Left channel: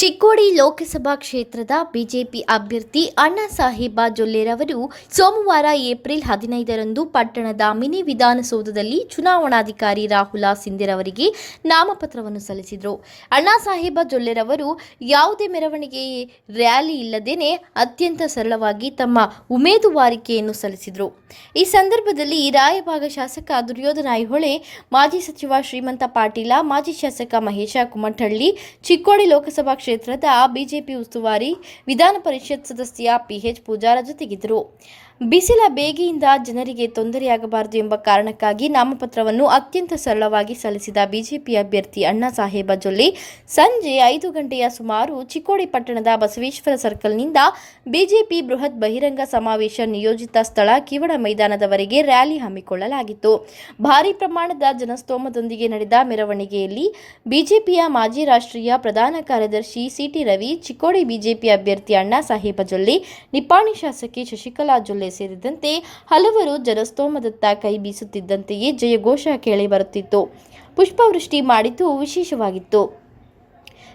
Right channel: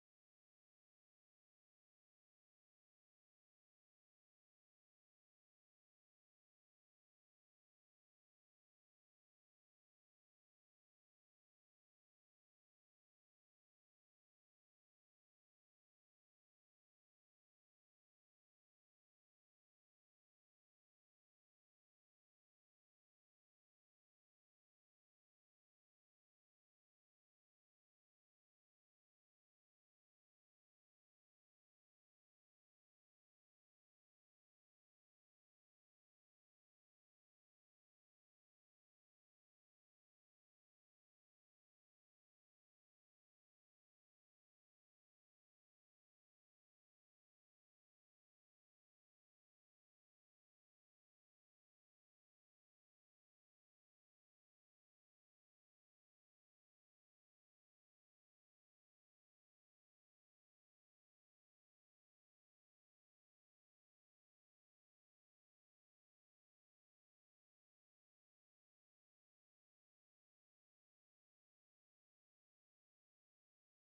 ಚಿಕ್ಕೋಡಿ ಲೋಕಸಭಾ ಕ್ಷೇತ್ರದ ಬಿಜೆಪಿ ಅಭ್ಯರ್ಥಿ ಅಣ್ಣಾ ಸಾಹೇಬ ಜೊಲ್ಲೆರವರು ಸೋಮವಾರ ಏಪ್ರಿಲ್ ಹದಿನೈದರಂದು ಪಟ್ಟಣದ ಮಿನಿ ವಿಧಾನಸೌಧದಲ್ಲಿ ಚುನಾವಣಾಧಿಕಾರಿ ರಾಹುಲ ಸಿಂಧೆರವರಿಗೆ ನಾಮಪತ್ರವನ್ನು ಸಲ್ಲಿಸಿದರು. ಅಣ್ಣಾ ಸಾಹೇಬ ಜೊಲ್ಲೆರವರು ಯಾವುದೇ ಮೆರವಣಿಗೆ ರ್ಯಾಲಿ ಇಲ್ಲದೇನೆ ಅತ್ಯಂತ ಸರಳವಾಗಿ ತಮ್ಮ ಉಮೇದುವಾರಿಕೆಯನ್ನು ಸಲ್ಲಿಸಿದರು. ಈ ಸಂದರ್ಭದಲ್ಲಿ ರಾಯಭಾಗ ಶಾಸಕ ದುರ್ಯೋಧನ ಐಹೊಳೆ, ಮಾಜಿ ಸಚಿವ ಶ್ರೀಮಂತ ಪಾಟೀಲ, ಮಾಜಿ ಶಾಸಕ ಮಹೇಶ ಕುಮಠಳ್ಳಿ, ಚಿಕ್ಕೋಡಿ ಲೋಕಸಭಾ ಕ್ಷೇತ್ರದ ಬಿಜೆಪಿ ಉಸ್ತುವಾರಿ ವಿಧಾನ ಪರಿಷತ್ ಸದಸ್ಯ ಪಿಎಚ್ ಪೂಜಾರ ಜೊತೆಗಿದ್ದರು. ಬಿಸಿಲ ಬೇಗೆಯಿಂದ ಜನರಿಗೆ ತೊಂದರೆಯಾಗಬಾರದು ಎಂಬ ಕಾರಣಕ್ಕಾಗಿ ನಾಮಪತ್ರವನ್ನು ಅತ್ಯಂತ ಸರಳವಾಗಿ ಸಲ್ಲಿಸಿದ ಬಿಜೆಪಿ ಅಭ್ಯರ್ಥಿ ಅಣ್ಣಾ ಸಾಹೇಬ ಜೊಲ್ಲೆ. ಸಂಜೆ ಐದು ಗಂಟೆಯ ಸುಮಾರು ಚಿಕ್ಕೋಡಿ ಪಟ್ಟಣದ ಬಸವೇಶ್ವರ ಸರ್ಕಲ್ನಿಂದ ಬಿಜೆಪಿ ಬೃಹತ್ ಬಹಿರಂಗ ಸಮಾವೇಶ ನಿಯೋಜಿತ ಸ್ಥಳ ಕಿವಡ ಮೈದಾನದವರೆಗೆ ರ್ಯಾಲಿ ಹಮ್ಮಿಕೊಳ್ಳಲಾಗಿತ್ತು. ಭಾರೀ ಪ್ರಮಾಣದ ಜನಸ್ತೋಮದೊಂದಿಗೆ ನಡೆದ ಮೆರವಣಿಗೆಯಲ್ಲಿ ಬಿಜೆಪಿಯ ಮಾಜಿ ರಾಷ್ಟ್ರೀಯ ಪ್ರಧಾನ ಕಾರ್ಯದರ್ಶಿ ಸಿಟಿ ರವಿ, ಚಿಕ್ಕೋಡಿ ಬಿಜೆಪಿ ಅಭ್ಯರ್ಥಿ ಅಣ್ಣಾ ಸಾಹೇಬ ಜೊಲ್ಲೆ, ನಿಪ್ಪಾಣಿ ಶಾಸಕಿ ಶಶಿಕಲಾ ಜೊಲ್ಲೆ ಸೇರಿದಂತೆ ಹಲವರು ಜನಸ್ತೋಮದತ್ತ ಕೈ ಬೀಸುತ್ತಿದ್ದಂತೆಯೇ ಜಯಘೋಷ ಕೇಳಿ ಬರುತ್ತಿತ್ತು. ಪುಷ್ಪವೃಷ್ಟಿ ಮಾಡಿದ್ದು ವಿಶೇಷವಾಗಿತ್ತು.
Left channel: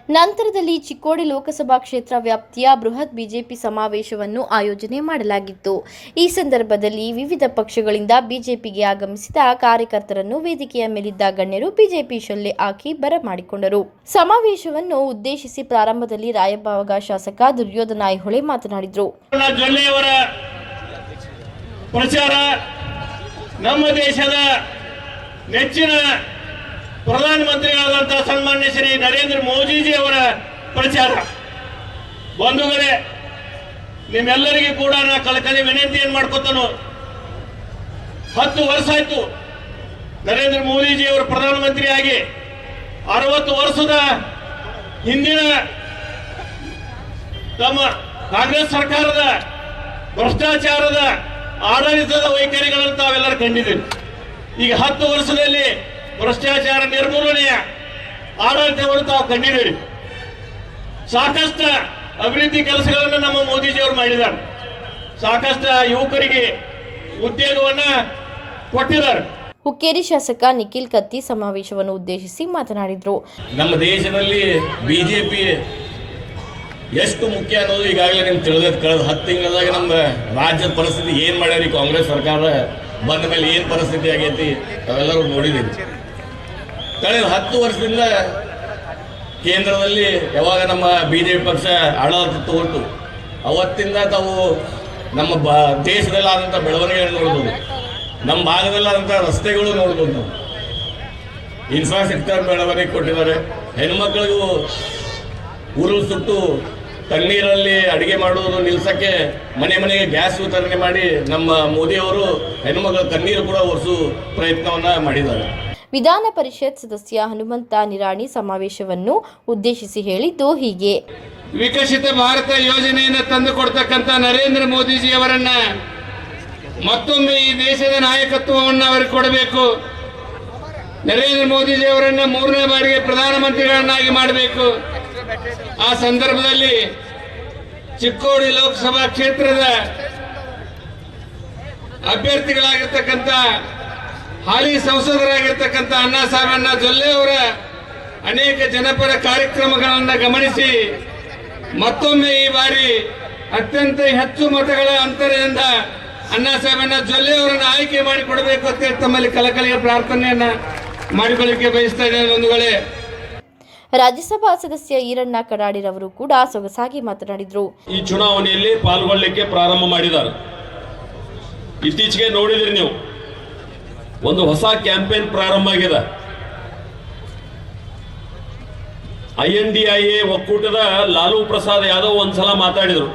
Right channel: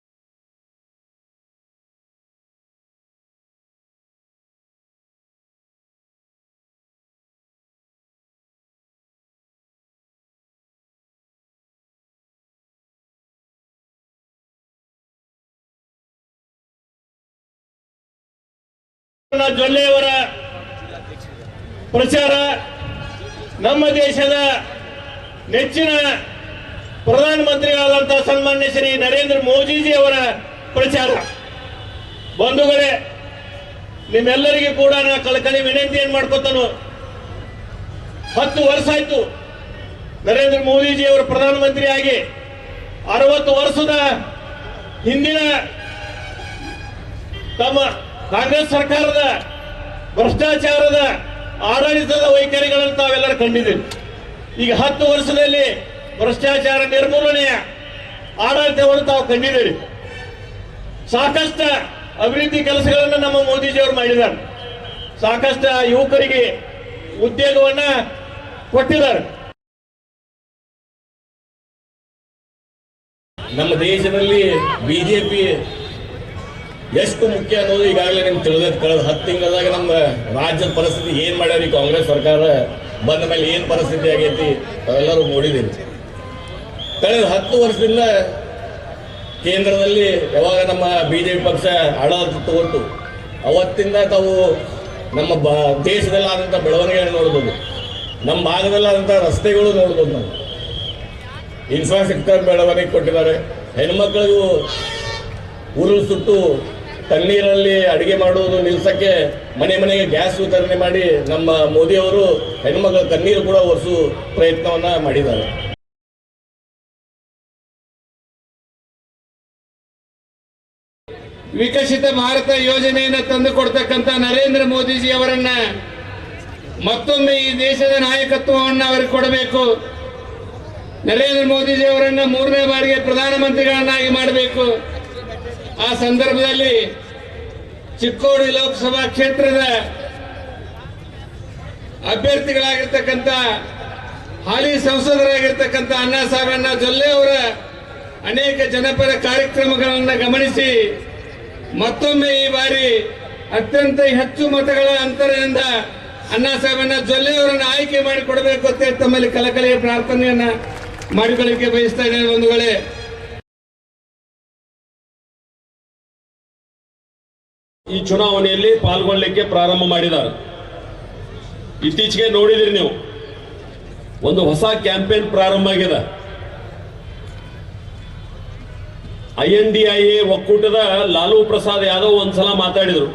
ನಂತರದಲ್ಲಿ ಚಿಕ್ಕೋಡಿ ಲೋಕಸಭಾ ಕ್ಷೇತ್ರ ವ್ಯಾಪ್ತಿಯ ಬೃಹತ್ ಬಿಜೆಪಿ ಸಮಾವೇಶವನ್ನು ಆಯೋಜನೆ ಮಾಡಲಾಗಿತ್ತು. ಈ ಸಂದರ್ಭದಲ್ಲಿ ವಿವಿಧ ಪಕ್ಷಗಳಿಂದ ಬಿಜೆಪಿಗೆ ಆಗಮಿಸಿದ ಕಾರ್ಯಕರ್ತರನ್ನು ವೇದಿಕೆಯ ಮೇಲಿದ್ದ ಗಣ್ಯರು ಬಿಜೆಪಿ ಶೊಲ್ಲೆ ಹಾಕಿ ಬರಮಾಡಿಕೊಂಡರು ಸಮಾವೇಶವನ್ನು ಉದ್ದೇಶಿಸಿ ಪ್ರಾರಂಭದಲ್ಲಿ ರಾಯಭಾಗ ಶಾಸಕ ದುರ್ಯೋಧನ ಐಹೊಳೆ ಮಾತನಾಡಿದರು. ಪ್ರಚಾರ ನಮ್ಮ ದೇಶದ ನೆಚ್ಚಿನ ಪ್ರಧಾನಮಂತ್ರಿಗಳಾದಂತಹ ಸನ್ಮಾನ್ಯ ಶ್ರೀ ನರೇಂದ್ರ ಮೋದಿಜಿ ಅವರ ಪ್ರಚಾರ. ಬಂಧುಗಳೇ, ನಿಮ್ಮೆಲ್ಲರಿಗೂ ಕೂಡ ನಾ ಕಳಕಳಿ ವಿನಂತಿಯನ್ನು ಮಾಡ್ಕೊತಾನು. ಹತ್ತು ವರ್ಷ ಆಯ್ತು ನರೇಂದ್ರ ಮೋದಿಜಿ ಅವರು ಪ್ರಧಾನಮಂತ್ರಿ ಆಗಿ. ಅರವತ್ತು ವರ್ಷದ ಹಿಂದಿನ ತಮ್ಮ ಕಾಂಗ್ರೆಸ್ ಸರ್ಕಾರದ ಭ್ರಷ್ಟಾಚಾರದ ಆಡಳಿತದ ವೈಖರಿಗಳನ್ನು ತಾವೆಲ್ಲರೂ ಕಂಡಿದ್ದೀವಿ ಈಗ ಹತ್ತು ವರ್ಷದಲ್ಲಿ ಭ್ರಷ್ಟಾಚಾರ ನಿರ್ಮೂಲನೆಯ ಆಡಳಿತವನ್ನು ತಾವು ಕಂಡಿದ್ದೀರಿ. ಸಾಕಷ್ಟು ಅಭಿವೃದ್ಧಿ ಕೆಲಸಗಳನ್ನು ನಮ್ಮ ಮೋದಿಜಿಯವರು ಮಾಡಿದ್ದಾರೆ. ಸಾಕಷ್ಟು ಯುವಕರಿಗೆ ಉದ್ಯೋಗವನ್ನ ಕೊಟ್ಟಿದ್ದಾರೆ. ಹುಕ್ಕೇರಿ ಶಾಸಕ ನಿಖಿಲ್ ಕತ್ತಿ ಸಮಾವೇಶವನ್ನು ಉದ್ದೇಶಿಸಿ ಮಾತನಾಡಿದರು. ನಮ್ಮ ದೇಶದಲ್ಲಿ ಬಿಜೆಪಿ ಎಷ್ಟು ಮುಖ್ಯ ಅನ್ನೋದು ಈಗಾಗಲೇ ನಿಮ್ಗೆ ತಿಳಿದೈತೆ. ಕಳೆದ ಹತ್ತು ತಿಂಗಳದಾಗ ನಮ್ಮ ರಾಜ್ಯದ ಪರಿಸ್ಥಿತಿ ಏನು ಮಾಡ್ಯಾರ ಕಾಂಗ್ರೆಸ್ ಸರ್ಕಾರ? ಬಂದ ಮೇಲೆ ಏನು ಪರಿಸ್ಥಿತಿ ಆಗೈತಿ? ಅವೆಲ್ಲರೂ ನೋಡಿದ್ದೀವಿ ಕಳೆದ ಹತ್ತು ವರ್ಷದಿಂದ ಕೇಂದ್ರದಲ್ಲಿ ಯಾವಾಗ ನಮ್ಮ ಬಿ ಜೆ ಪಿ ಪಕ್ಷ ಆಡಳಿತ ತೋರ್ತು, ಅವತ್ತಿಂದ ತಾವು ನಮ್ಮ ಬ ದೇಶದಲ್ಲಿ ಆದಂಥ ನೋಡ್ಬೋದು. ನಮ್ಮ ಭಾಗದಲ್ಲಾದಂಥ ರಸ್ತೆಗಳು ನೋಡ್ಬೋದು ನಾವು. ಇನ್ಫ್ರಾಸ್ಟ್ರಕ್ಚರ್ ಬೆಳವಣಿಗೆ ಕೊಟ್ಟಿದ್ದಾರೆ. ಹೆಣ್ಮಕ್ಳಿಗೂ ಉರುಳು ಸುಟ್ಟು ತಣ್ಣೀರಲ್ಲಿ ಅಡುಗೆ ಮಾಡುವುದು ನಿಲ್ಸಕ್ಕೆ ಮನೆ ಮನೆಗೆ ಗ್ಯಾಸ್ ವಿತರಣೆ ಮಾಡಿ ನಮ್ಮ ಮೋದಿಯವರು ಹೆಣ್ಮಗಳ ತಣ್ಣೀರು ಕೂಡ ಒರೆಸು ಪ್ರಯತ್ನವನ್ನ ಮಾಡಿದ್ದಾರೆ. ವಿಧಾನ ಪರಿಷತ್ ಸದಸ್ಯ ಹನುಮಂತ ನಿರಾಣಿ ಸಮಾವೇಶವನ್ನು ಉದ್ದೇಶಿಸಿ ಹೇಳಿದ್ದು ಹೀಗೆ. ವಿಕಸಿತ ಭಾರತ ಯೋಜನೆಯನ್ನು ತಂದು ಕೊಡ್ತಕ್ಕಂಥ ನರೇಂದ್ರ ಮೋದಿಜಿ ಅವರನ್ನ ಮತ್ತೊಮ್ಮೆ ಈ ದೇಶದ ನಾಯಕತ್ವವನ್ನು ಅವರಿಗೆ ಕೊಡಬೇಕು. ನರೇಂದ್ರ ಮೋದಿಜಿ ಅವರನ್ನ ಮೂರನೇ ಬಾರಿಗೆ ಪ್ರಧಾನಮಂತ್ರಿಗಳನ್ನಾಗಿ ಮಾಡಬೇಕು. ಆ ಸಂದರ್ಭದಲ್ಲಿ ಚಿಕ್ಕೋಡಿ ಲೋಕಸಭಾ ಕ್ಷೇತ್ರದ ಅಭ್ಯರ್ಥಿಗಳಾಗಿರ್ತಕ್ಕಂಥ ಹಾಲಿ ಸಂಸದರಾಗಿರ್ತಕ್ಕಂಥ ಅಣ್ಣಾ ಸಾಬಣ್ಣ ಜೊಲ್ಲೆ ಅವರ ಅನೇಕ ಜನಪರ ಕಾರ್ಯಕ್ರಮಗಳನ್ನು ಗಮನಿಸಿ ಮತ್ತೊಮ್ಮೆ ಈ ಬಾರಿ ಅತ್ಯಂತ ಹೆಚ್ಚು ಮತಗಳ ಅಂತರದಿಂದ ಅಣ್ಣಾ ಸಾಬಣ್ಣ ಜೊಲ್ಲೆ ಅವರನ್ನು ಆಯ್ಕೆ ಮಾಡಿಕೊಡಬೇಕು ಅಂತ ತಮ್ಮಲ್ಲಿ ಕಲಕಲಿಯ ಪ್ರಾರ್ಥನೆಯನ್ನ ಮಾಡಿಕೊಳ್ಳಿಕ್ಕೆ ಬಯಸ್ತಾ ಇದ್ದೇನೆ ಬಂಧುಗಳೇ. ರಾಜ್ಯಸಭಾ ಸದಸ್ಯ ಈರಣ್ಣ ಕಡಾಡಿರವರು ಕೂಡ ಸೊಗಸಾಗಿ ಮಾತನಾಡಿದರು. ಈ ಚುನಾವಣೆಯಲ್ಲಿ ಪಾಲ್ಗೊಳ್ಳಲಿಕ್ಕೆ ಪ್ರಾರಂಭ ಮಾಡಿದ್ದಾರೆ. ಇತ್ತೀಚೆಗೆ ನೋಡಿದಿರಿ ನೀವು, ಒಂದು ಹೊಸ ಕ್ಯಾಂಪೇನ್ ಪ್ರಾರಂಭ ಆಗಿದೆ. I N D I A ಒಕ್ಕೂಟದ ಲಾಲು ಪ್ರಸಾದ್ ಯಾದವ್ ಒಂದ್ಸಲ ಮಾತಾಡಿದರು.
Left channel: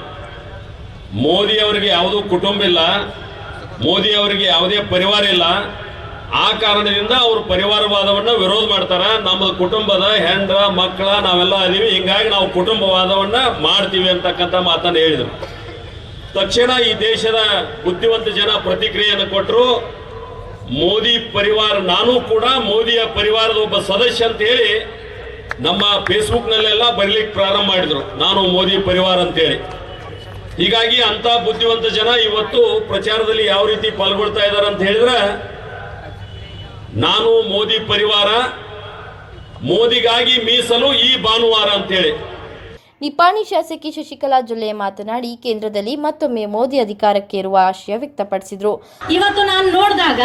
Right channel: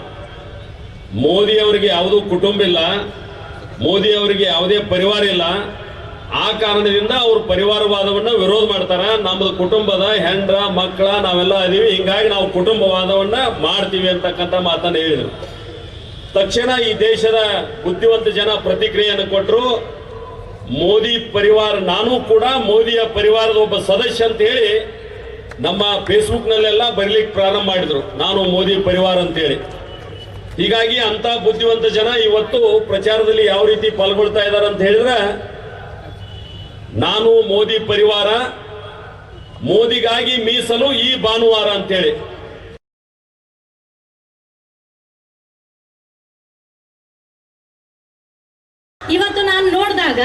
ಮೋದಿ ಅವರಿಗೆ ಯಾವುದೂ ಕುಟುಂಬ ಇಲ್ಲ, ಮೋದಿ ಅವರಿಗೆ ಯಾವುದೇ ಪರಿವಾರ ಇಲ್ಲ ಆ ಕಾರಣದಿಂದ ಅವರು ಪರಿವಾರವಾದವನ್ನ ವಿರೋಧ ಮಾಡ್ತಾರ. ನಮ್ಮ ಕುಟುಂಬದ ಹೆಂಡ್ರ, ಮಕ್ಕಳ, ನಾವೆಲ್ಲ ಅದೀವಿ. ಹಿಂಗಾಗಿ ನಾವು ಕುಟುಂಬವಾದವನ್ನ ಮಾಡ್ತೀವಿ ಅಂತಕ್ಕಂಥ ಮಾತನ್ನ ಹೇಳಿದರು. ತಕ್ಷಣ ಈ ದೇಶದ ಬುದ್ಧಿವಂತ ಜನ ಪ್ರತಿಕ್ರಿಯೆಯನ್ನು ಕೊಟ್ಟರು ಮೋದಿ ಪರಿವಾರ, ನಾನು ಕೂಡ ಮೋದಿಯ ಪರಿವಾರದ ಒಬ್ಬ ಸದಸ್ಯ ಅಂತ ಹೇಳಿ ನಮ್ಮ ಫೇಸ್ಬುಕ್ನಲ್ಲೆಲ್ಲ ನಲ್ಲೆಲ್ಲ ಬರೀಲಿಕ್ಕೆ ಪ್ರಾರಂಭ ಮಾಡಿದ್ರು. ನಾನು ಮೋದಿ ಪರಿವಾರ ಅಂತೇಳಿ. ಹೀಗಾಗಿ ಅಂತ ಬುದ್ಧಿವಂತ ಜನ ಇವತ್ತು ಪ್ರಚಾರದಲ್ಲಿ ಯಾವ ರೀತಿ ಪಾಲ್ಗೊಳ್ತಾ ಇದ್ದಾರೆ ಅಂತ ಹೇಳಿದ್ರೆ ನಾನು ಮೋದಿ ಪರಿವಾರ ಮೋದಿಗಾಗಿ ಮೀಸಲು ಈ ಭಾನುವಾರ ಅಂತೇಳಿ. ನಿಪಾಣಿ ಶಾಸಕಿ ಶಶಿಕಲಾ ಜೊಲ್ಲೆ ಮಾತನಾಡಿ ಕೇಂದ್ರದಲ್ಲಿ ಮತ್ತೊಮ್ಮೆ ಮೋದಿ ಅಧಿಕಾರಕ್ಕೆ ಇರುವ ಆಶಯ ವ್ಯಕ್ತಪಡಿಸಿದರು. ಇವತ್ತು ನಾನು ನೋಡಿದಾಗ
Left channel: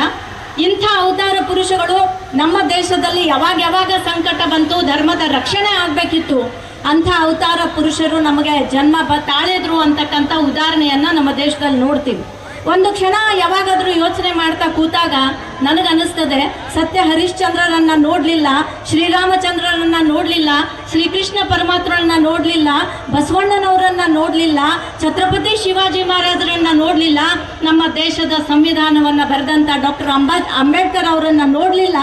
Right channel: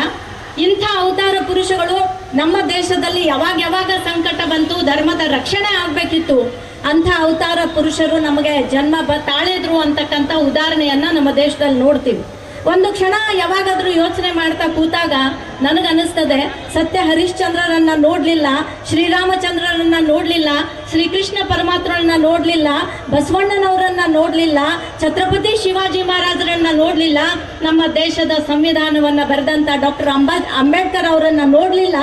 ಇಂಥ ಅವತಾರ ಪುರುಷಗಳು ನಮ್ಮ ದೇಶದಲ್ಲಿ ಯಾವಾಗ ಯಾವಾಗ ಸಂಕಟ ಬಂತು ಧರ್ಮದ ರಕ್ಷಣೆ ಆಗಬೇಕಿತ್ತು ಅಂಥ ಅವತಾರ ಪುರುಷರು ನಮಗೆ ಜನ್ಮ ಬ ತಾಳಿದ್ರು ಅಂತಕ್ಕಂಥ ಉದಾಹರಣೆಯನ್ನ ನಮ್ಮ ದೇಶದಲ್ಲಿ ನೋಡ್ತೀವಿ. ಒಂದು ಕ್ಷಣ ಯಾವಾಗಾದರೂ ಯೋಚನೆ ಮಾಡ್ತಾ ಕೂತಾಗ ನನಗನ್ನಿಸ್ತದೆ, ಸತ್ಯ ಹರಿಶ್ಚಂದ್ರರನ್ನ ನೋಡಲಿಲ್ಲ, ಶ್ರೀರಾಮಚಂದ್ರರನ್ನ ನೋಡಲಿಲ್ಲ, ಶ್ರೀಕೃಷ್ಣ ಪರಮಾತ್ಮರನ್ನ ನೋಡಲಿಲ್ಲ, ಬಸವಣ್ಣನವರನ್ನ ನೋಡಲಿಲ್ಲ, ಛತ್ರಪತಿ ಶಿವಾಜಿ ಮಹಾರಾಜರನ್ನ ನೋಡಲಿಲ್ಲ, ನಮ್ಮ ದೇಶದ ಸಂವಿಧಾನವನ್ನು ಬರೆದಂಥ ಡಾಕ್ಟರ್ ಅಂಬಾ ಅಂಬೇಡ್ಕರ್ ಅವರನ್ನು ನೋಡ್ಲಿಲ್ಲ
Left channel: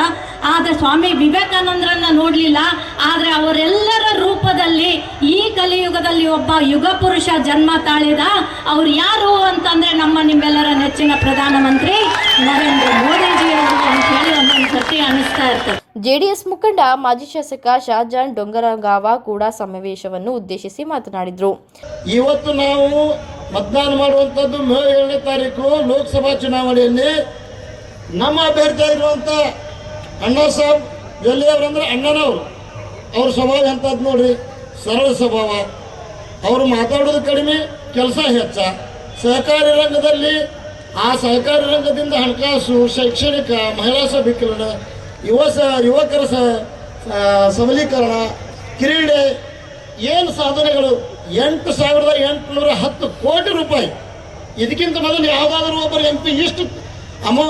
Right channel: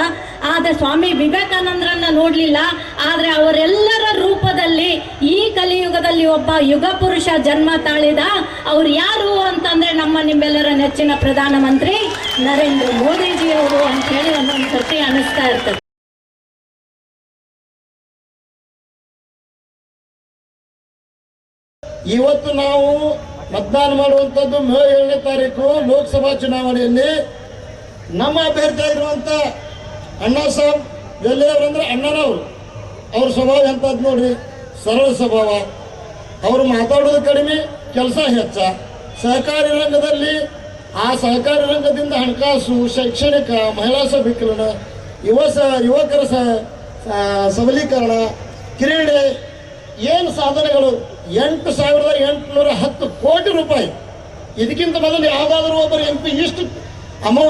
ಆದ್ರೆ ಸ್ವಾಮಿ ವಿವೇಕಾನಂದರನ್ನ ನೋಡ್ಲಿಲ್ಲ ಆದ್ರೆ ಅವರೆಲ್ಲರ ರೂಪದಲ್ಲಿ ಈ ಕಲಿಯುಗದಲ್ಲಿ ಒಬ್ಬ ಯುಗ ಪುರುಷ ಜನ್ಮ ತಾಳಿದ ಅವ್ರು ಯಾರು ಅಂತಂದ್ರೆ ನಮ್ಮ ನಿಮ್ಮೆಲ್ಲರ ನೆಚ್ಚಿನ ಪ್ರಧಾನಮಂತ್ರಿ ನರೇಂದ್ರ ಮೋದಿಜಿ ಅವರು ಅಂತ ಹೇಳಿ ಒಂದೊಂದು ಸತಿ ಅನಿಸ್ತಾ ಇರ್ತದೆ ಜೆಡಿಎಸ್ ಮುಖಂಡ ಮಾಜಿ ಶಾಸಕ ಶಾಜಾನ್ ಡೊಂಗರಗಾವ ಕೂಡ ಸಮಾವೇಶವನ್ನು ಉದ್ದೇಶಿಸಿ ಮಾತನಾಡಿದರು. ಇವತ್ತು ನಾವು ಮತದಾನ ಮಾಡುವಂತದ್ದು ಮೇ ಏಳನೇ ತಾರೀಕು ಲೋಕಸಭಾ ಚುನಾವಣೆಯಲ್ಲಿ ನಮ್ಮ ಅಭ್ಯರ್ಥಿ ಆಗಿರುವಂಥ ಅಣ್ಣ ಸಾಹೇಬ್ ಅಂದ್ರೆ ಅಣ್ಣನವರು. ಅವ್ರ ಸ್ವಭಾವ ಎಂಥದ್ದು ನೋಡ್ರಿ? ಸರಳ ಸ್ವಭಾವ. ಅವರು ಮಾತಾಡೋದು ಕಡಿಮೆ, ಕೆಲಸ ಹೆಚ್ಚ. ಸಹಕಾರಿ ರಂಗದಲ್ಲಿ, ಆ ಸಹಕಾರಿ ರಂಗದಿಂದ ಹಣಕಾಸು, ಶೈಕ್ಷಣಿಕ, ಮಹಿಳಾ ಸಬಲೀಕರಣ, ಯುವ ಸ, ಯುವಕರ ಸಬಲೀಕರಣ, ಕ್ರೀಡೆ, ಏನು ಸಾಧನೆಗಳು? ಎಂಟು ಸಾವಿರದ ಎಂಟುನೂರ ಹತ್ತು ಕೋಟಿ ರೂಪಾಯಿ. ಇದಕ್ಕಿಂತ ಮೊದಲು ಯಾವುದಾದ್ರೂ ಒಬ್ಬರು ಎಂ ಇಷ್ಟು ಅಮೌ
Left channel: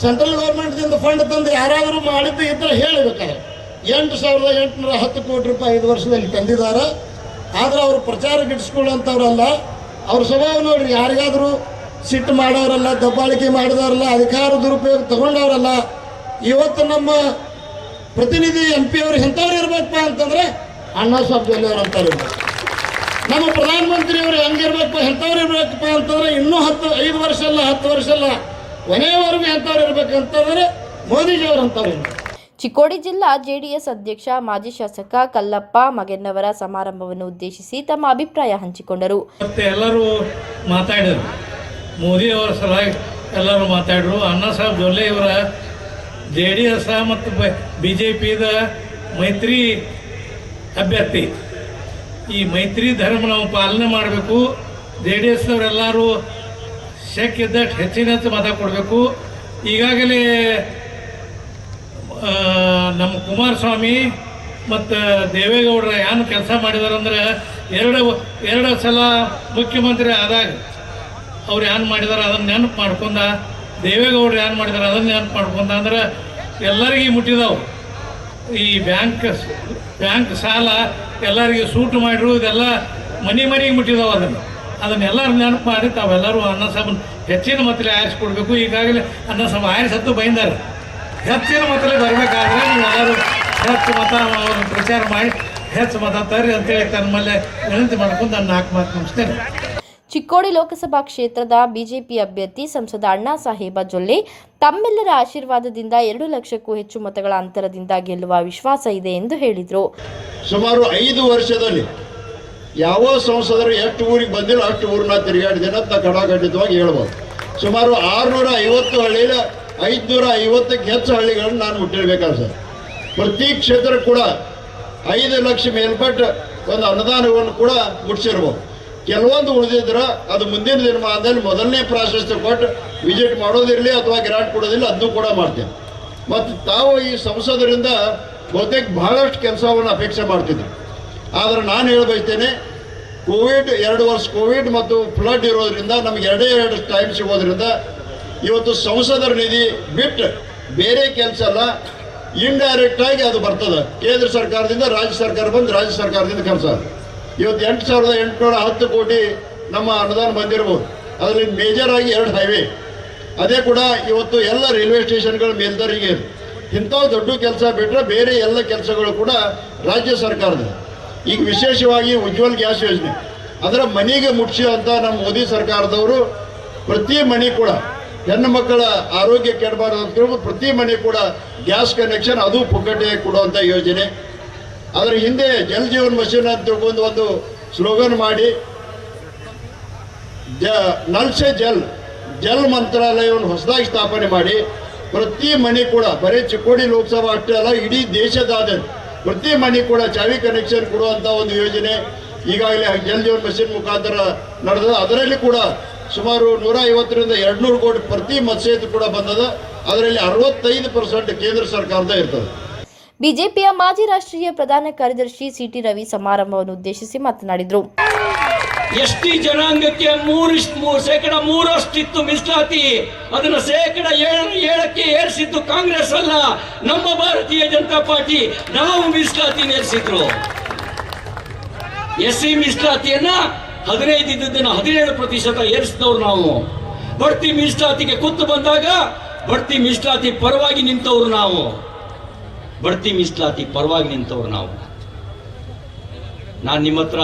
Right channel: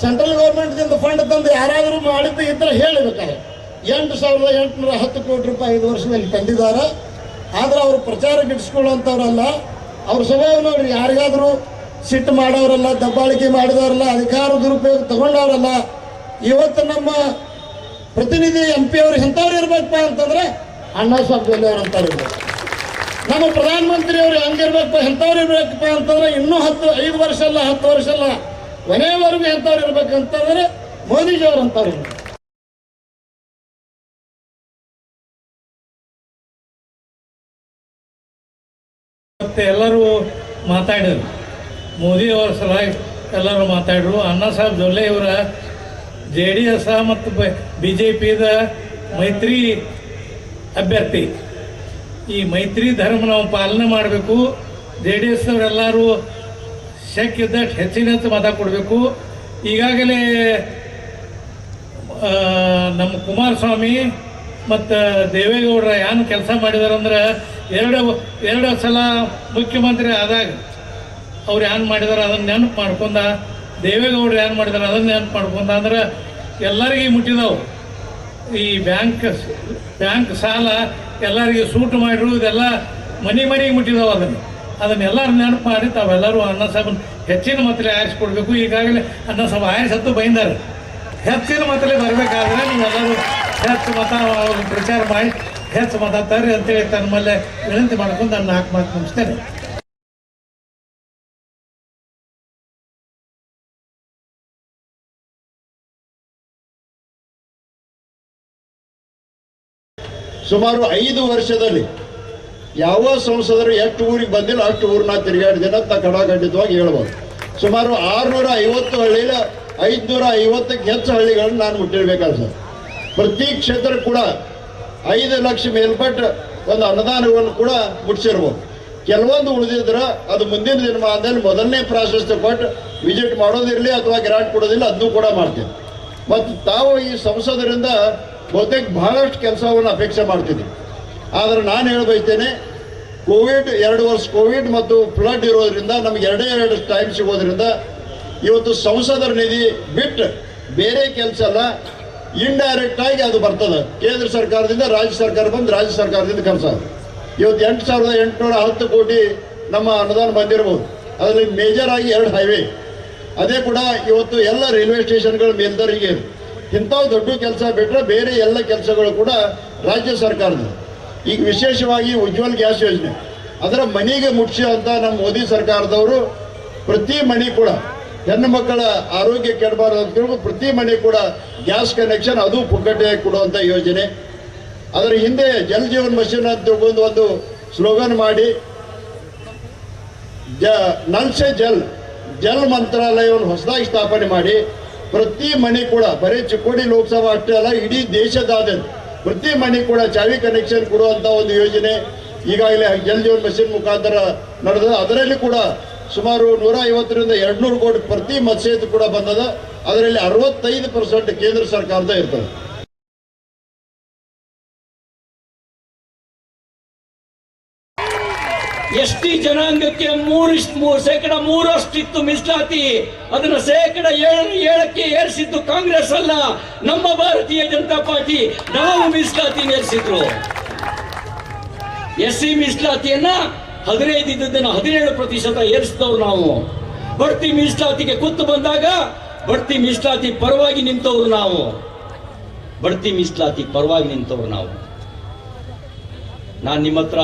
ಸೆಂಟ್ರಲ್ ಗೌರ್ಮೆಂಟ್ದಿಂದ ಫಂಡ್ ತಂದು ಯಾರಾದರೂ ಮಾಡಿದ್ದು ಈ ಥರ ಹೇಳಬೇಕಾದ್ರೆ ಎಂಟು ಸಾವಿರದ ಎಂಟುನೂರ ಹತ್ತು ಕೋಟಿ ರೂಪಾಯಿ ಐದು ವರ್ಷದಲ್ಲಿ ತಂದಿದ್ದಾರೆ. ಆದರೆ ಅವರು ಪ್ರಚಾರ ಗಿಡಿಸ್ಕೊಳ್ಳೋಂಥವ್ರಲ್ಲ ಅವ್ರ ಸ್ವಭಾವ ನೋಡಿ, ಯಾರಿಗಾದರೂ ಸಿಟ್ಟು ಮಾಡೋರಲ್ಲ ದಬ್ಬಾಳಿಕೆ ಮಾಡಿದವರಲ್ಲ, ಅಧಿಕಾರ ದುರುಪಯೋಗ ತಗೊಂಡವರಲ್ಲ, ಇವತ್ತು ನಮ್ಮ ಪ್ರತಿನಿಧಿ ಎಂ ಪಿ ಅವ್ರು ಎಂಥವ್ರು ಇರಬೇಕಪ್ಪ ಅಂತಂದ್ರೆ ಅಣ್ಣ ಸಾಬ್ ಜೊಲ್ಲೆ ಅಂತವ್ರು ನಮ್ಮ ಪ್ರಧಾನಮಂತ್ರಿ ಅವರು ಹೆಂಗಿರ್ಬೇಕು ಎಂಥವ್ರು ಇರಬೇಕಪ್ಪ ಅಂತಂದ್ರೆ ಇನ್ನೂ ಹತ್ತು, ಐದು ವರ್ಷ ಅಲ್ಲ, ಹತ್ತು ವರ್ಷ ಅಲ್ಲ. ಕೊನೆಯವರೆಗೂ ಎಂಥವ್ರು ಇರ್ಬೇಕಂತಂದ್ರೆ ಮೋದಿಜಿಯವ್ರು ಅಂತಾರೆ ಚಿಕ್ಕೋಡಿ ಜಿಲ್ಲಾ ಜೆಡಿಎಸ್ ಅಧ್ಯಕ್ಷ ಮಾಜಿ ಶಾಸಕ ಕಲ್ಲಪ್ಪ ಮಗೆನ್ನವರ ಸಮಾರಂಭವನ್ನು ಉದ್ದೇಶಿಸಿ ತಮ್ಮ ಅಭಿಪ್ರಾಯ ಹಂಚಿಕೊಂಡರು. ಮತ್ತೆ ಎಲ್ಲರೂ ಮಾತಾಡಿದರು. ಮೋದಿ ಅವರ ಸಲಹೆ ಎಲ್ಲರೂ ಮಾತಾಡಿದ್ರು. ಅಣ್ಣಾ ಸಾಹೇಬ್ ಜೊಲ್ಲೆ ಇವರ ಜೆ ಡಿ ಎಸ್ ಮತ್ತು ಬಿ ಜೆ ಪಿದ ಮೈತ್ರಿ ಅಭ್ಯರ್ಥಿ. ಈ ಮೈತ್ರಿ ಧರ್ಮ ನಾವು ಪಾಲನೆ ಮಾಡಬೇಕು. ಜೆ ಡಿ ಎಸ್ ಅವರೆಲ್ಲರೂ ಶಕ್ಯ ಇದ್ದಷ್ಟು ಹೆಚ್ಚಿನ ಹೆಚ್ಚು ಮತ ಕೊಡಬೇಕು ಈಗಾಗಲೇ ನಮ್ಮ ಕುಮಾರಸ್ವಾಮಿ ಮತ್ತು ದೇವೇಗೌಡರ ಏನು ಕೆಲಸ ಮಾಡಿದಾರಂದ್ರೆ ಎರಡು ಎರಡು ಸಲ ಮುಖ್ಯಮಂತ್ರಿ ಆದಾಗ ಅವ್ರು ಏನು ಮಾಡಿದಾರೆ ಅದನ್ನು ನೆನಪು ಮಾಡ್ಕೊಂಡ, ದೇವೇಗೌಡರು ಏನು ಮಾಡಿದಾರೆ ಅದನ್ನು ನೆನಪು ಮಾಡ್ಕೊಂಡ ಅಂದ್ರೆ ಎಲ್ಲರಿಗೂ ಮುಟ್ಟಿದವು. ಈ ಬ್ಯಾಂಕ್ ಬ್ಯಾಂಕ್ ಸಾಲ ಎಲ್ಲರಿಗೂ ಸೂಟ್ ಮಾಡಿರು ಇದೆಲ್ಲ ಮನೆ ಮನೆಗೆ ಮುಟ್ಟಿದಾವೆ ಅದನ್ನು. ಅದನ್ನೆಲ್ಲರೂ ನೆನಪು ಮಾಡಿ ತಾವೆಲ್ಲರೂ ಅನ್ನ ಸಭನ ಹೆಚ್ಚಿನ ಮತಲೆ ಆರಿಸ್ಕೊಡ್ಬೇಕು. ಈಗಾಗಲೇ ಅನ್ನ ಸಭ ಆರಿಸತ್ತು ಬೈಂದಾರೆ. ಹೆಚ್ಚಿನ ಮತಲೆ ಬರಬೇಕಾದ್ರೆ ನೀವೆಲ್ಲರೂ ಹೆಚ್ಚು ಮತ ಅವ್ರನ್ನ ಪ್ರಚಾರ ಮಾಡಿ ಹೆಚ್ಚು ಮತ ತರ್ರಿ ಅಂತೇಳಿ ತಮ್ಮಲ್ಲೇ ವಿನಂತಿ ಮಾಡ್ಕೊಂಡು ನಾನು ನಾಲ್ಕು ಮಾತು ಮುಗಿಸ್ತೇನೆ. ಚಿಕ್ಕೋಡಿ ಲೋಕಸಭಾ ಕ್ಷೇತ್ರದ ಬಿಜೆಪಿ ಅಭ್ಯರ್ಥಿ ಸಂಸದ ಅಣ್ಣಾ ಸಾಹೇಬ ಜೊಲ್ಲೆ ತಮ್ಮೆಲ್ಲರ ಆಶೀರ್ವಾದದಿಂದ ಎರಡು ಲಕ್ಷಕ್ಕೂ ಹೆಚ್ಚು ಮತಗಳ ಅಂತರದಿಂದ ಗೆಲ್ಲುವ ವಿಶ್ವಾಸ ಇದೆ ಎಂದು ಹೇಳಿದರು. ಸುಮಾರು ಐದು ವರ್ಷದಲ್ಲಿ ಯಾವ ಸಂಸದರು ಎಷ್ಟು ಊರಿಗೆ ಬಂದಿಲ್ಲ, ಅಷ್ಟು ಊರನ್ನ ತಿರುಗಾಡಿದ್ದೇನೆ ಅಂತ ಕಡಾಖಂಡಿತವಾಗಿ ಹೇಳ್ಬೋದು. ಸುಮಾರು ಆರುನೂರ ಐವತ್ತು ಹಳ್ಳಿಯ ಐದುನೂರ ಐವತ್ತಕ್ಕೆ ಹೆಚ್ಚು ಹಳ್ಳಿಗಳನ್ನು ನಾನು ಮುಟ್ಟಿರ್ಬೇಕಲ್ಲ ಸರ್. ಪ್ರತಿ ಕ್ಷೇತ್ರ ಕೂಡ ಐದು ಲಕ್ಷ ಮೇಲ್ಪಟ್ಟು ಒಂದು ಅನುದಾನವನ್ನು ಕೂಡ ಮುಟ್ಟಿಸಿರ್ಬೋದು ಕೆಲವೊಂದು ಉಳಿದಿದ್ರೆ ಅದು ಮುಂದಿನ ದಿನಮಾನದಲ್ಲಿ ಮೊದಲನೇ ಪ್ರಾಶಸ್ತ್ಯ ಕೊಟ್ಟು ವಿಸಿಟ್ ಮಾಡೋದಿರಲಿ ಅಥವಾ ಗ್ರಾಂಟ್ ಕೊಡೋದಿಲ್ಲ ಅದನ್ನು ಕೂಡ ಮಾಡ್ತೇವೆ. ಮತ್ತು ತಾವು ಈ ಸಂಸದರಿಂದ ಬಹುತೇಕ ಬಹಳಷ್ಟು ಕೆಲಸವನ್ನು ಅಪೇಕ್ಷೆ ಮಾಡ್ತಿದ್ವಿ ಆದರೆ ನಾನು ಹೇಳಬಯಸ್ತೇನೆ, ಕೋವಿಡ್, ಎರಡು ವರ್ಷ ಕೋವಿಡ್ ಮತ್ತು ಫ್ಲಡ್ ಇರೋದ್ರಿಂದ ನಮ್ಗೆ ಎರಡೇ ಎರಡು ಟೈಮ್ ಸಿಗೋದ್ರಿಂದ ಇವತ್ತು ಸಂಸದರ ನಿಧಿ ಬಿಟ್ಟು ಬೇರೆ ಕೆಲಸ ಅಲ್ಲ ಇಂಡೈರೆಕ್ಟ್ ಆಗಿ ಅದು ಬರ್ತದೆ. ಕೇಂದ್ರ ಸರ್ಕಾರದಿಂದ ರಾಜ್ಯ ಸರ್ಕಾರ ಬಂದು ರಾಜ್ಯ ಸರ್ಕಾರದಿಂದ ಕೆಲಸ. ಇವತ್ತು ಎಂಟು ಸಾವಿರದ ಎಂಟುನೂರ ಹತ್ತು ಕೋಟಿ ನಮ್ಮ ಅನುದಾನ ಬಂದಿರಬಹುದು ಅದರಲ್ಲಿ ಮೇಜರ್ ಆಗಿ ಎರಡು ಹೈವೇ ಅದೇ ಕೂಡ ಇವತ್ತು ಎಲ್ಲ ರೈಲ್ವೆ ಸ್ಟೇಷನ್ಗಳ ಮೇಲ್ದರಿಗೆ. ಇಂಥ ದೊಡ್ಡ ಕೆಲಸ ಬಿಟ್ಟರೆ ಬೇರೆ ಎಲ್ಲ ಕೆಲಸಗಳು ಕೂಡ ರಾಜ್ಯ ಸರ್ಕಾರದ ಈಗ ವಿಶೇಷವಾಗಿ ಉಜ್ವಲ್ ಗ್ಯಾಸ್ ಯೋಜನೆ. ಅದರ ಮನೆಗೆ ಮುಟ್ಸಿ ಅಂತ ನಮ್ಮ ಮೋದಿ ಸರ್ಕಾರದವರು ಪ್ರತಿ ಮನೆ ಕೂಡ ಹೆಣ್ಣು ಮಕ್ಕಳ ಆರೋಗ್ಯ ಕೆಡಬಾರದು ಅಂತ ಪ್ರತಿ ಮನೆ ಕೂಡ ಗ್ಯಾಸ್ ಕನೆಕ್ಷನ್ ಅದು ಪುಕ್ಕಟೆಯಾಗಿ ಕೊಡುವಂಥ ಯೋಜನೆ. ಅದರ ಹಿಂದೆ ಜಲ್ ಜೀವನ್ ಮಿಷನ್ ಅಂತ ತಿಳ್ಕೊಂಡು ಒಂದು ಸ್ಲೋಗನ್ ಮಾಡಿ, ಜ ನಲ್ಸೆ ಜಲ್ ಜಲ್ ಮಂತ್ರಾಲಯವನ್ನು ಹೊಸದಾಗಿ ಸ್ಥಾಪನೆ ಮಾಡಿ ಪ್ರತಿ ಮನೆ ಕೂಡ, ಬರೀ ಚಿಕ್ಕೋಡಿ ಲೋಕಸಭಾ ಅಷ್ಟೇ ಅಲ್ಲ, ಇಡೀ ದೇಶದಾದ್ಯಂತ ಪ್ರತಿ ಮನೆ ಕೂಡ ಚಾವಿ ಕನೆಕ್ಷನ್ ಕೊಡುವಂಥ ಒಂದು ಯೋಜನೆ ಈಗಾಗಲೇ ಜಲ್ ಜೀವನ್ ಮಿಷನ್ ಮುಖಾಂತರ ನಡೆದ ಅದರಲ್ಲಿ ಕೂಡ ಸುಮಾರು ನೂರ ಐವತ್ತರಿಂದ ಎರಡ್ನೂರು ಕೋಟಿ ಪ್ರತಿ ಮತ್ಸ್ಯೇತು ಕೂಡ ಬಂದದ. ಅದರಲ್ಲಿ ಅರವತ್ತೈದು ಪರ್ಸೆಂಟ್ ಕೇಂದ್ರ ಸರ್ಕಾರದ ಇರ್ತದೆ. ಬಿಜೆಪಿಯ ಮಾಜಿ ರಾಷ್ಟ್ರೀಯ ಪ್ರಧಾನ ಕಾರ್ಯದರ್ಶಿ ಸಿಟಿ ರವಿ ಸಮಾರಂಭವನ್ನು ಉದ್ದೇಶಿಸಿ ಮಾತನಾಡಿದರು. ಎಸ್ಟಿ ಜನಾಂಗಕ್ಕೆ ಮೂರು ಶೇಕಡ ಮೂರಷ್ಟಿತ್ತು ಮೀಸಲಾತಿ. ಅದನ್ನ ಶೇಕಡ ಏಳು, ಏಳಕ್ಕೆ ಏರಿಸಿದ್ದು ಕಾಂಗ್ರೆಸ್ ಅಲ್ಲ, ನಮ್ಮ ಭಾರತೀಯ ಜನತಾ ಪಾರ್ಟಿ. ನಾವು ಮೀಸಲಾತಿ ಏರಿಸಿದ್ರು. ಎಸ್ ಸಿ ಮೀಸಲಾತಿಯನ್ನ ಹದಿನೈದು ಹದಿನೇಳು ಪ್ರತಿಶತ ಏರಿಸಿದವರು ನಾವು. ಬಡ್ತಿ ಮೀಸಲಾತಿಗೆ ಕುತ್ತು ಬಂದಾಗ ಬಡ್ತಿ ಮೀಸಲಾತಿ ಪರವಾಗಿ ನಿಂತವರು ನಾವು. ಬಡ್ತಿ ಮೀಸಲಾತಿ ಪರವಾಗಿ ನಿಂತವ್ರು ನಾವು. ನಾನು ನಿಮ್ಮ ಹತ್ರ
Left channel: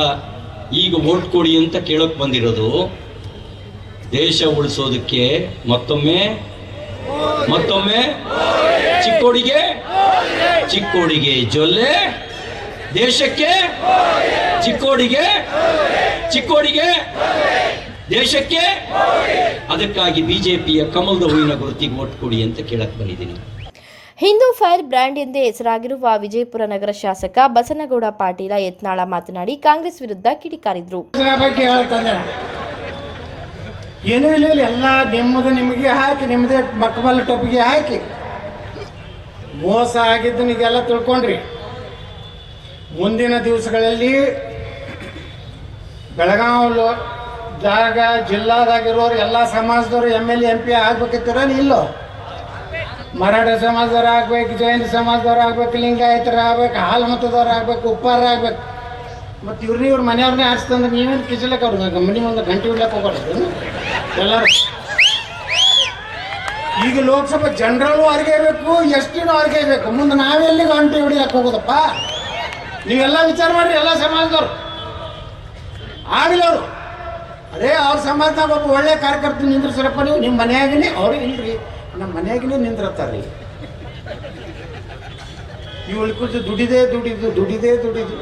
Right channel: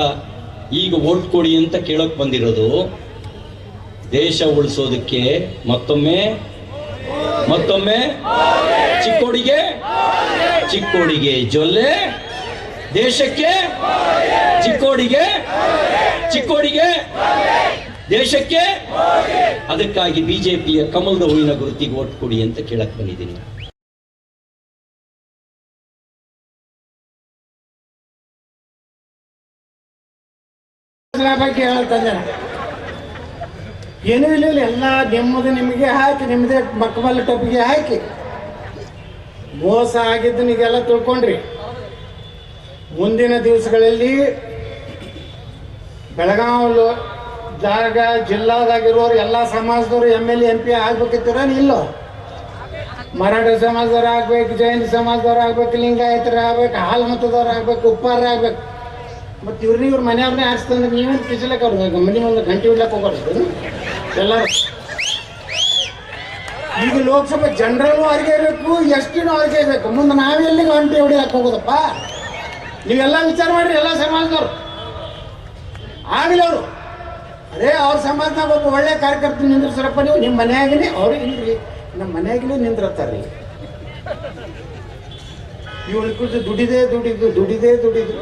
ಈಗ ಓಟ್ ಕೊಡಿ ಅಂತ ಕೇಳೋಕೆ ಬಂದಿರೋದು. ದೇಶ ಉಳಿಸೋದಕ್ಕೆ ಮತ್ತೊಮ್ಮೆ ಮತ್ತೊಮ್ಮೆ ಚಿಕ್ಕೋಡಿಗೆ ಚಿಕ್ಕೋಡಿಗೆ ಜೊಲ್ಲೆ, ದೇಶಕ್ಕೆ ಚಿಕ್ಕೋಡಿಗೆ ಚಿಕ್ಕೋಡಿಗೆ ದೇಶಕ್ಕೆ. ಅದಕ್ಕಾಗಿ ಬಿಜೆಪಿಯ ಕಮಲದ ಹೂವಿನ ಗುರುತಿಗೆ ಓಟ್ ಕೊಡಿ ಅಂತ ಕೇಳಕ್ ಬಂದಿದ್ದೀನಿ. ಹಿಂದೂ ಫೈರ್ ಬ್ರ್ಯಾಂಡ್ ಎಂದೇ ಹೆಸರಾಗಿರುವ ವಿಜಯಪುರ ನಗರ ಶಾಸಕ ಬಸನಗೌಡ ಪಾಟೀಲ ಯತ್ನಾಳ ಮಾತನಾಡಿ ಕಾಂಗ್ರೆಸ್ ವಿರುದ್ಧ ಕಿಡಿಕಾರಿದ್ರು. ಏನೂ ಇಲ್ಲ ಎಲ್ಲ ನಿಮ್ಮದು ನಿಮಗೆ ಹಾಕಿ ನಿಮ್ಮದೇ ಮಕ್ಕಬಲ್ಲ ಟೊಪ್ಪಿಗೆ ಹಾಕಿ. ಮೋಸ ಆಗಿದ್ದು ನೀವೆಲ್ಲ ತಿಳ್ಕೊಂಡ್ರಿ. ಮುಂದಿನ ದಿವಸಗಳಲ್ಲಿ ಬೆಳಗಾವ್ ಜಾಗ ದಾಗ ಜಿಲ್ಲಾದಾಗಿರೋರು ಎಲ್ಲ ಸಮಾಜದವರು ಎಂ ಎಲ್ ಎಂ ಪಿ ಆಗ್ಬೇಕಿತ್ತೀರ ಇಲ್ಲೋ? ಮರಾಠ ಸಮಾಜದವ್ರು ಆಗ್ಬೇಕು ಜೈನ ಸಮಾಜದವ್ರು ಆಗ್ಬೇಕು ಲಿಂಗಾಯತರ ಆಗ್ಬೇಕು ಹಾಲು ಮತದವ್ರು ಆಗ್ಬೇಕು ಉಪ್ಪಾರ ಆಗ್ಬೇಕು ಮತ್ತು ಇವ್ರನ್ನ ಇವ್ರ ಮನೆಯವ್ರನ್ನೇ ಆರಿಸ್ತಂದ್ರೆ ನೀವೇನು ಕಿಸಲಕ್ಕೆ ಅವ್ರಿಗೆ ಮನೆ ಮುಂದೆ ಗಂಟೆ ಇಡ್ಲಕ್ಕೆ ಹೋಗ್ಬಾರ್ದು. ಎಲ್ಲರೂ. ಈಗ ಲೋಕಸಭೆ ಜನರಲ್ಲೂ ಅವ್ರಿಗೆ ಬೇಕು ಎಷ್ಟಿನೂ ಅವ್ರಿಗೆ ಬೇಕು. ಮುಂದೆ ನಾವೆಲ್ಲಿ ಗಂಟೆ ಹೊಡಿಯಕ್ಕೆ ಹೋಗೋದಪ್ಪ? ನೀವೆಲ್ಲ ವಿಚಾರ ಮಾಡ್ರಿ, ಎಲ್ಲ ಸಮಾಜದವ್ರು. ಆಗಲಿ ಅವರು. ಅದೇ ಅವ್ರ ಸಮಾಜದಾಗ ಒಬ್ಬ ಒಳ್ಳೆ ಕಾರ್ಯಕರ್ತ ನಿಂದ್ರಿಸ್ರಪ್ಪ ನೀವು. ನಿಮ್ಮ ಮನೆಯಾಗಲಿ ಅವ್ರಿಗೆ ಇಲ್ರಿ. ನಮ್ಮ ಮನೆಯಾಗಿನೂ ನಿಂದಿರ್ತಾರ್ರಿ ಇವಳು ಕುರಿತು ದುಡಿದೇ ದುಡಿದು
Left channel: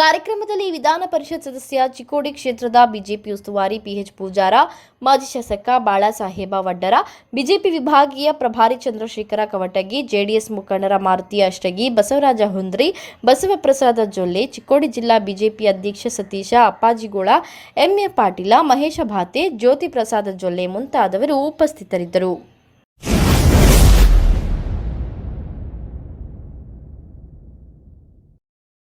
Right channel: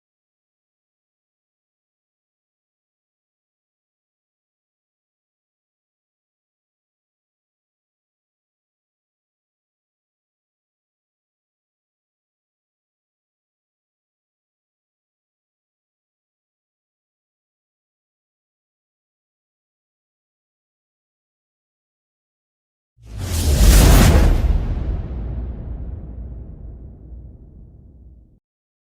ಕಾರ್ಯಕ್ರಮದಲ್ಲಿ ವಿಧಾನ ಪರಿಷತ್ ಸದಸ್ಯ ಚಿಕ್ಕೋಡಿ ಕ್ಷೇತ್ರದ ಬಿಜೆಪಿ ಉಸ್ತುವಾರಿ ಪಿಎಚ್ ಪೂಜಾರ, ಮಾಜಿ ಶಾಸಕ ಬಾಳಾಸಾಹೇಬ ವಡ್ಡರ, ಬಿಜೆಪಿ ವಿಭಾಗೀಯ ಪ್ರಭಾರಿ ಚಂದ್ರಶೇಖರ ಕವಟಗಿ, ಜೆಡಿಎಸ್ ಮುಖಂಡರ ಮಾರುತಿ ಅಷ್ಟಗಿ, ಬಸವರಾಜ ಹುಂದ್ರಿ ಬಸವಪ್ರಸಾದ ಜೊಲ್ಲೆ, ಚಿಕ್ಕೋಡಿ ಜಿಲ್ಲಾ ಬಿಜೆಪಿ ಅಧ್ಯಕ್ಷ ಸತೀಶ ಅಪ್ಪಾಜಿಗೋಳ ಎಂಎ ಪಾಟೀಲ, ಮಹೇಶ ಭಾತೆ, ಜ್ಯೋತಿ ಪ್ರಸಾದ ಜೊಲ್ಲೆ ಮುಂತಾದವರು ಉಪಸ್ಥಿತರಿದ್ದರು.